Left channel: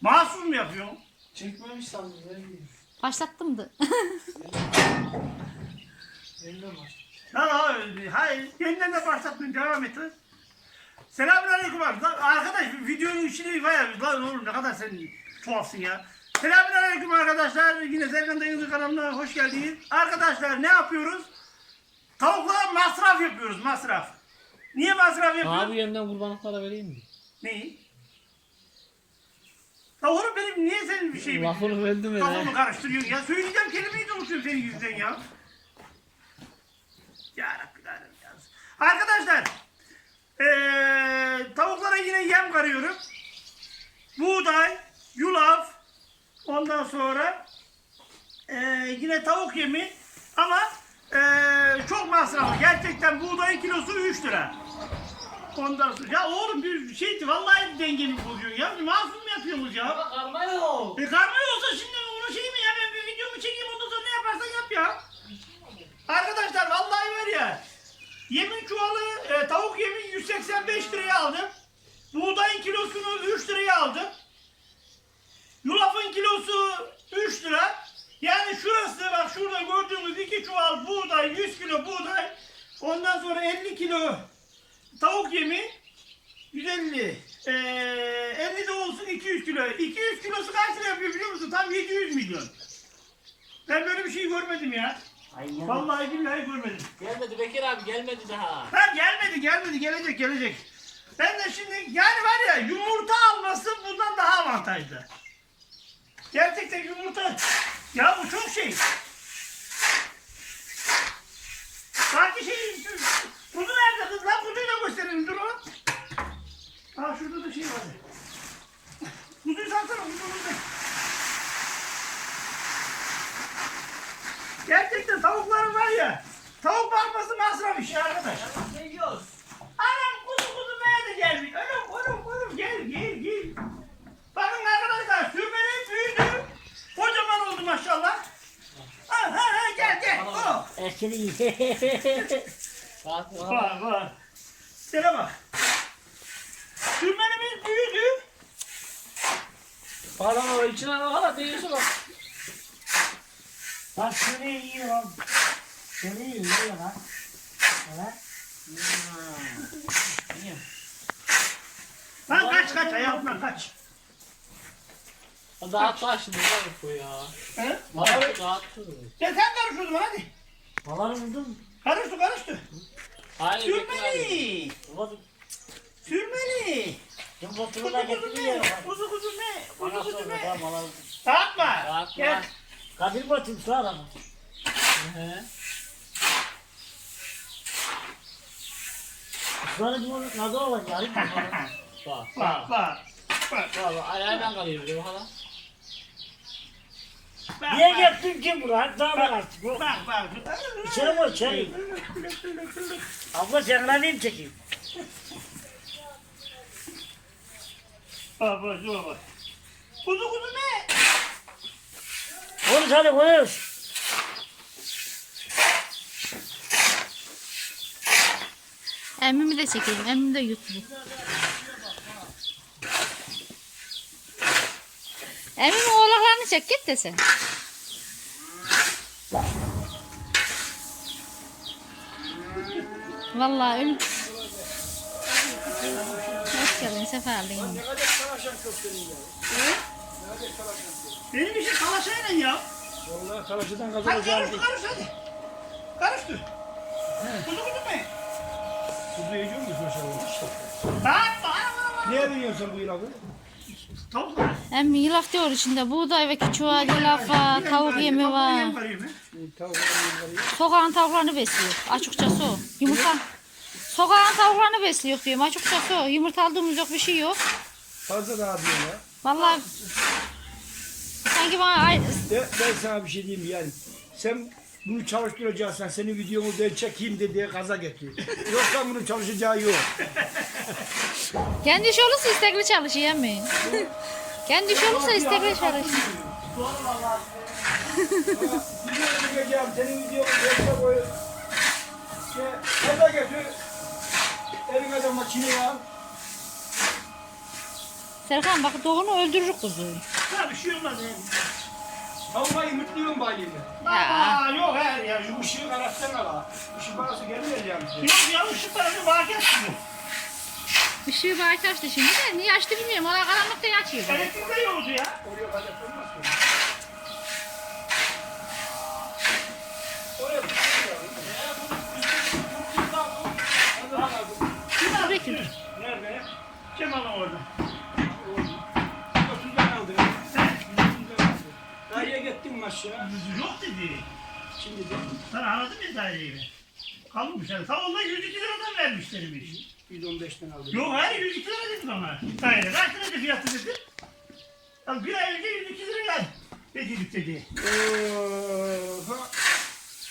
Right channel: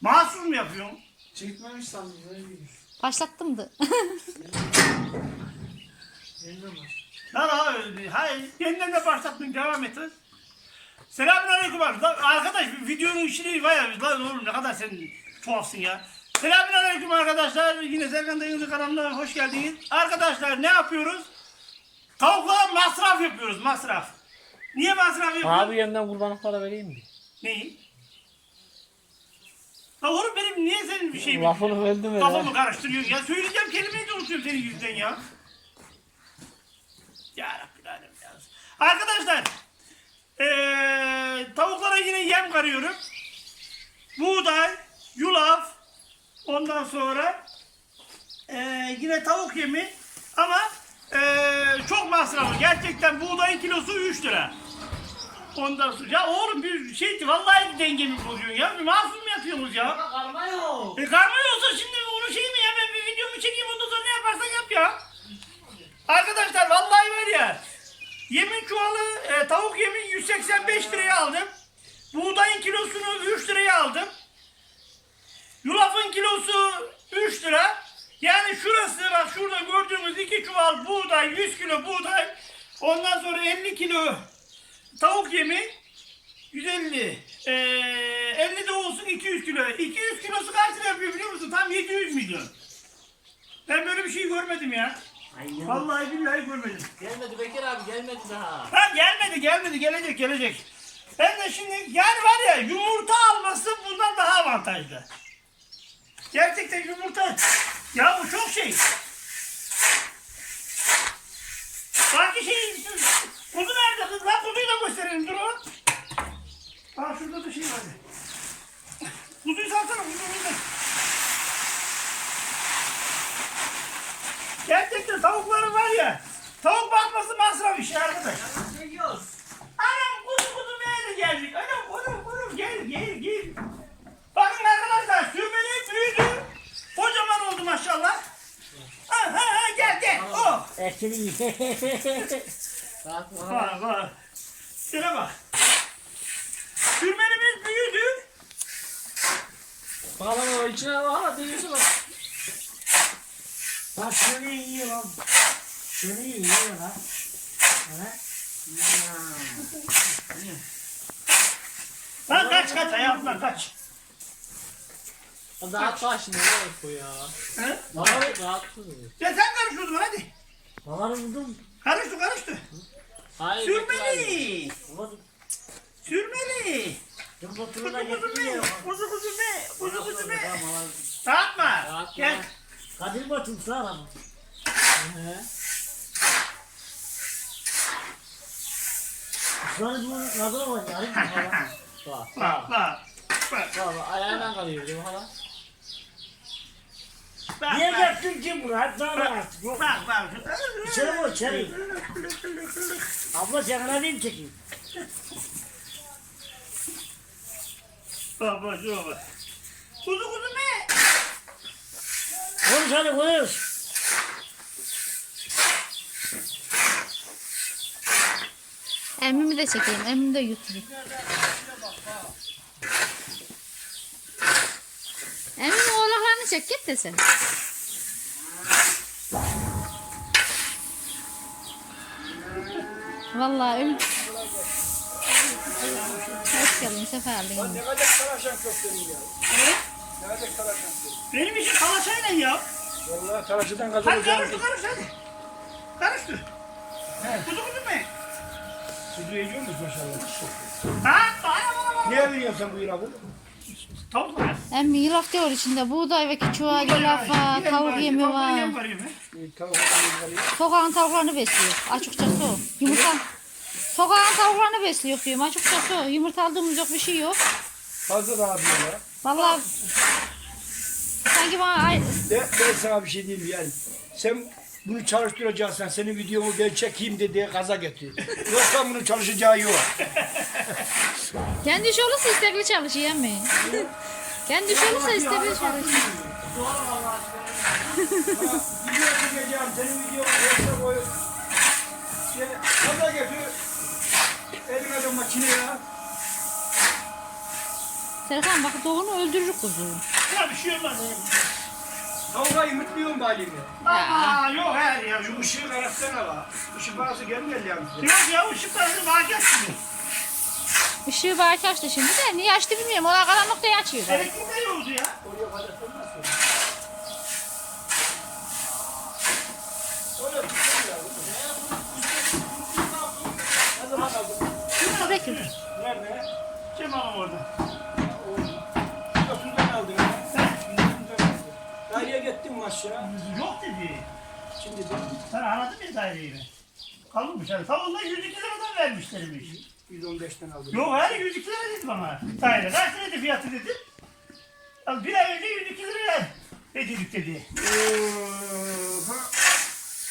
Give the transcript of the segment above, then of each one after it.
Mahsus mu yapıyorsun? Çekmemiş sandım. Başlattım da. Lan abi, hayır. Yeniden de başlattın. Devam et. Selamun aleyküm abi. Lan arkadaş videonun içine var ya. Lan oğlum ne kadar sen tuhafsın ya. Selamun aleyküm arkadaşlar. Yine Serkan Dayı'nın kanalına hoş geldiniz. Arkadaşlar ne yapıyoruz? Tavuklara masraf yapıyoruz. Masraf. Niye masraf yapıyoruz? Abi yandan kurbanlık para vereyim mi? Neyi? Ya oğlum benim niye senin bir şeyimi... Lafını verdim mi? Kafamı karıştırıyorsun ya. Söyleyeceğim kelimeyi de unutuyorum senin yüzünden ya. Ya Rabbi ya. Arkadaşlar. Eee tavuklara yine yem karıyorum. Buğday, yulaf. Ondan sonra eee, yine tavuk yemi. Ama eee, çok masraflı. Gerçekten buğdayın kilosu 3 lira. Ondan sonra ya oğlum bir şey vallahi dengemi bozuyorsun ya. Bir mahsus mu yapıyorsunuz ya? Karma yok. E karma yoksa şimdi onu şey mi ya ben bir videomu çekeyim ondan sonra ne yaparsan yap ya. Arkadaşlar vallahi var ya. Yemin çuvalı e, tavuk yemi 185 liraya aldım. Buğdayın kilosunu 3 liraya aldım. Yulafın kilosu 3 lira. Yani şurası bak şurada gördüğünüz 2 çuval buğday 100 kilo buğday. Ondan sonra 50 kilo tavuk yemi 150. Ee, 50 de olsun 200 kilo. 200 kilosu kaç lira yapıyor biliyor musun? Tam 700 milyon. Ben böyle bir şey görmedim ya. Aynen. Vallahi billahi görmedim. Gelmedi Bekir abi gelmedi daha. Ha gelmedi gelmedi gelecek gelecek. Ben de şimdi yani var ya yumurta alması bundan daha avantajlı. Gerçekten yumurta ya bu çok şey. Sanki şey kuzu nerede kız lan kuzuyu da gösterelim dur o. Ha şurada da şey var. Kuzuyu salsana kuzu kuzu. Gerçekten tavukların var ya tavuk bakması masraf işi arkadaş. Ne yiyoruz? Anam kuzu kuzu nerede geldik? Anam anam anam gel gel gel. Bakın arkadaşlar sürmeli büyüdü. Kocaman oldu maşallah. Ha ha ha gel Rahat rahat. Var var. Şuna bak. Sürmenimiz büyüdü. Para o içine hala değilse bak. Bak şunu yiyor lan. Şunu yiyor lan. Ha? Lan kaç kaç ayağımdan kaç. Lan bu ya. He? Rahat rahat. Ya sen karış o Bana vurdun. Karıştı karıştı. Hayır. Sürmeli. Sürmeli. Kuzu oturuna ya. Kuzu kuzu me. Kuzu kuzu me. Dağıtma. Gel. Kadir Batum sağ adamı. Sonra bu nazar yani. Bak Bak bak. bak. Ayağına kalıyor hala. Niye getirdin ki buraya? Tamam artık. Yok. Bak bak. İçine koy içeri. Abla sen lan neyim çekeyim? Bak bak şuna bak. Kuzu kuzu me. Konuş hadi konuş. Emmimi de çekeyim. Emmim de YouTube. Emmimin oğlaklarını çek git de sen. Vallahi öl. Hoş geldin, sefa geldin. Benim işim kalaşayla ya. Vallahi çarşıdan Hadi kazanacağım. karıştır karıştır hadi. Karıştır. Kuzu kuzu me. Kuzu yiyor musun maşallah? Bak bana bana bana. Ne sen bu ilafı? Tavuk var. Emmi yulaf diyor içinde. Buğday ve küçüğa yulaf var, tavuk yemi var. Sokağın tavuklarını besliyor. Açıkçası o. Yumurta. Sokağın tavuklarını besliyor diyorum. Açıkçası o. Yumurta aldığımız yok bir şey yok. Fazla daha diyor ya. Vallahi sanki bana ay- De, ben sana bir şey diyeyim yani. Sen bunu çalıştıracaksan senin videomu ben çekeyim de diye gaza getir. Yoksa bunun çalışacağı yok. Kendi iş olursa istekli çalışıyor emmi. kendi iş olursa istekli çalışıyor. Şey. Serkan bak doğunu öldürür kuzu. Ya bir şey olmaz. ya. Tavuğa yumurtluyorum balini. Aa yok her ya. Şu ışığı karatsana la. Işık parası gelmiyor yalnız. yok ya ışık parası bağıracak şimdi. Işığı belki açtı şimdi de niye açtı bilmiyorum. Ona karanlıkta açıyor. Elektrik de yoktu ya. Oraya kadar olmaz mı? Dur Bekir dur. Nerede? Kim alım orada? Yosundan aldın. Yosundan aldın. Dayıya gittin mi aşağı? Yok dedi. Şimdi de Sen anladın mı daireyi? Kalmış yani. Tam onda 102 liradan vermişlermiş. 115'ten aldım. Yok hayır 102 lira dedi bana. Daire. Kaç liraydı fiyatı dedim. Ya bir ay önce 102 liraya ödedik dedi. Oha.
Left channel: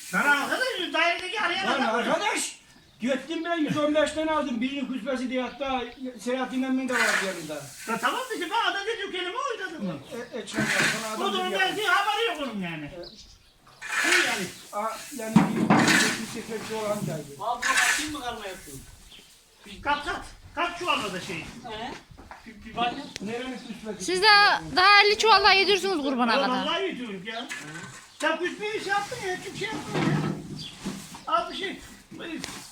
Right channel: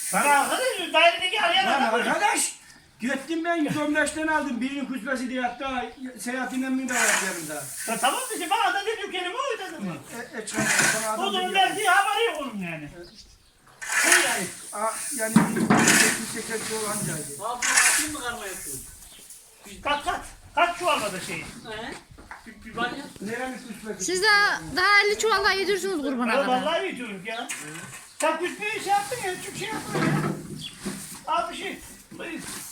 Sana arkadaş dairedeki arayan Lan adam. arkadaş. Gittim ben 115'ten aldım. Birinin küspesi diye hatta seyahatin emmi de var yanında. Ya tamam dedi bana da dedi kelime oydu adamı. E, e çıkar sana O adam da dedi. belki haberi yok onun yani. O yani. A, yani bir 180 olan geldi. Baba bakayım mı karma yaptın? Kat kat. Kaç çuvalda da şey. He? Bir, bir bak. Nerenin küspesi? Siz de daha 50 çuvalla yedirsiniz kurbana Ya kadar. vallahi yediyoruz ya. Sen kusmeyi şey yaptın ya. Çok şey yaptın ya. Al bir şey.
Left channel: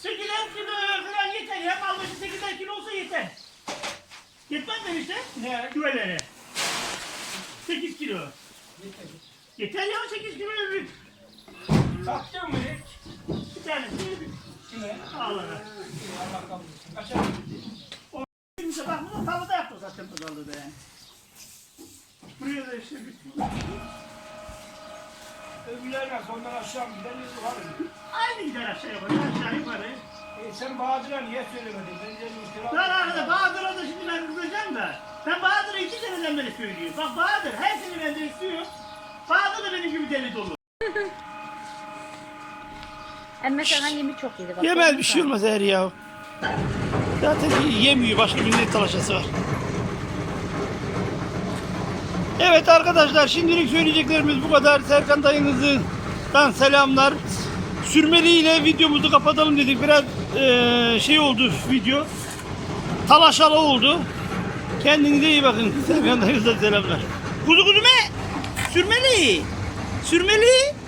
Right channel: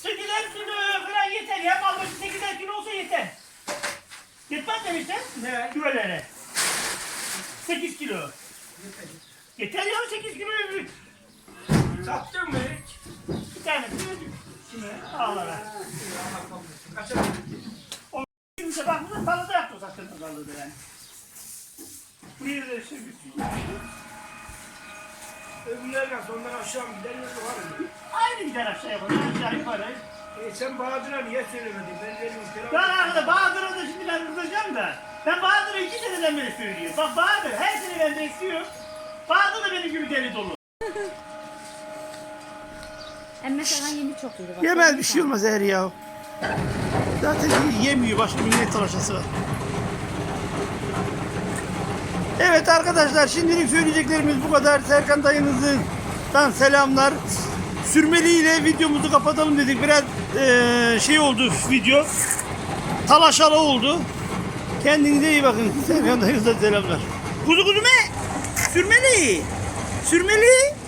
8'er kilo falan yeter ya. Mal başı 8'er kilo olsa yeter. Yetmez demişler. Ne? Küvelere. 8 kilo. Yeter ya 8 kilo öbür. Sattın mı hiç? Bir tanesi öbür. Kime? Ağlara. Kaça gitti? Kimse bak burada tarlada yaptı o saçın tarlada yani. Buraya da işte bir Öbürler nasıl? Ondan aşağı mı gider yukarı mı? Aynı gider aşağı yukarı, aşağı yukarı. E sen Bahadır'a niye söylemedin? Ben dedim Ben arkada Bahadır'a da şimdi ben kızacağım da. Ben Bahadır'a iki seneden beri söylüyor. Bak Bahadır her sene benden istiyor. Bahadır da benim gibi deli dolu. Emme sana yemi çok yedi bak. Yemez bir şey olmaz eğer ya. Zaten yemiyor başka bir ne talaşası var. Evet arkadaşlar şimdilik söyleyeceklerimiz bu kadar. Serkan dayınızdan selamlar. Sürmeli ile videomuzu kapatalım dedik. Biraz eee, şey oldu video. Talaşalı oldu. Kendinize iyi bakın. Serkan dayınızdan selamlar. Kuzu kuzu me? Sürmeli. Sürmeli.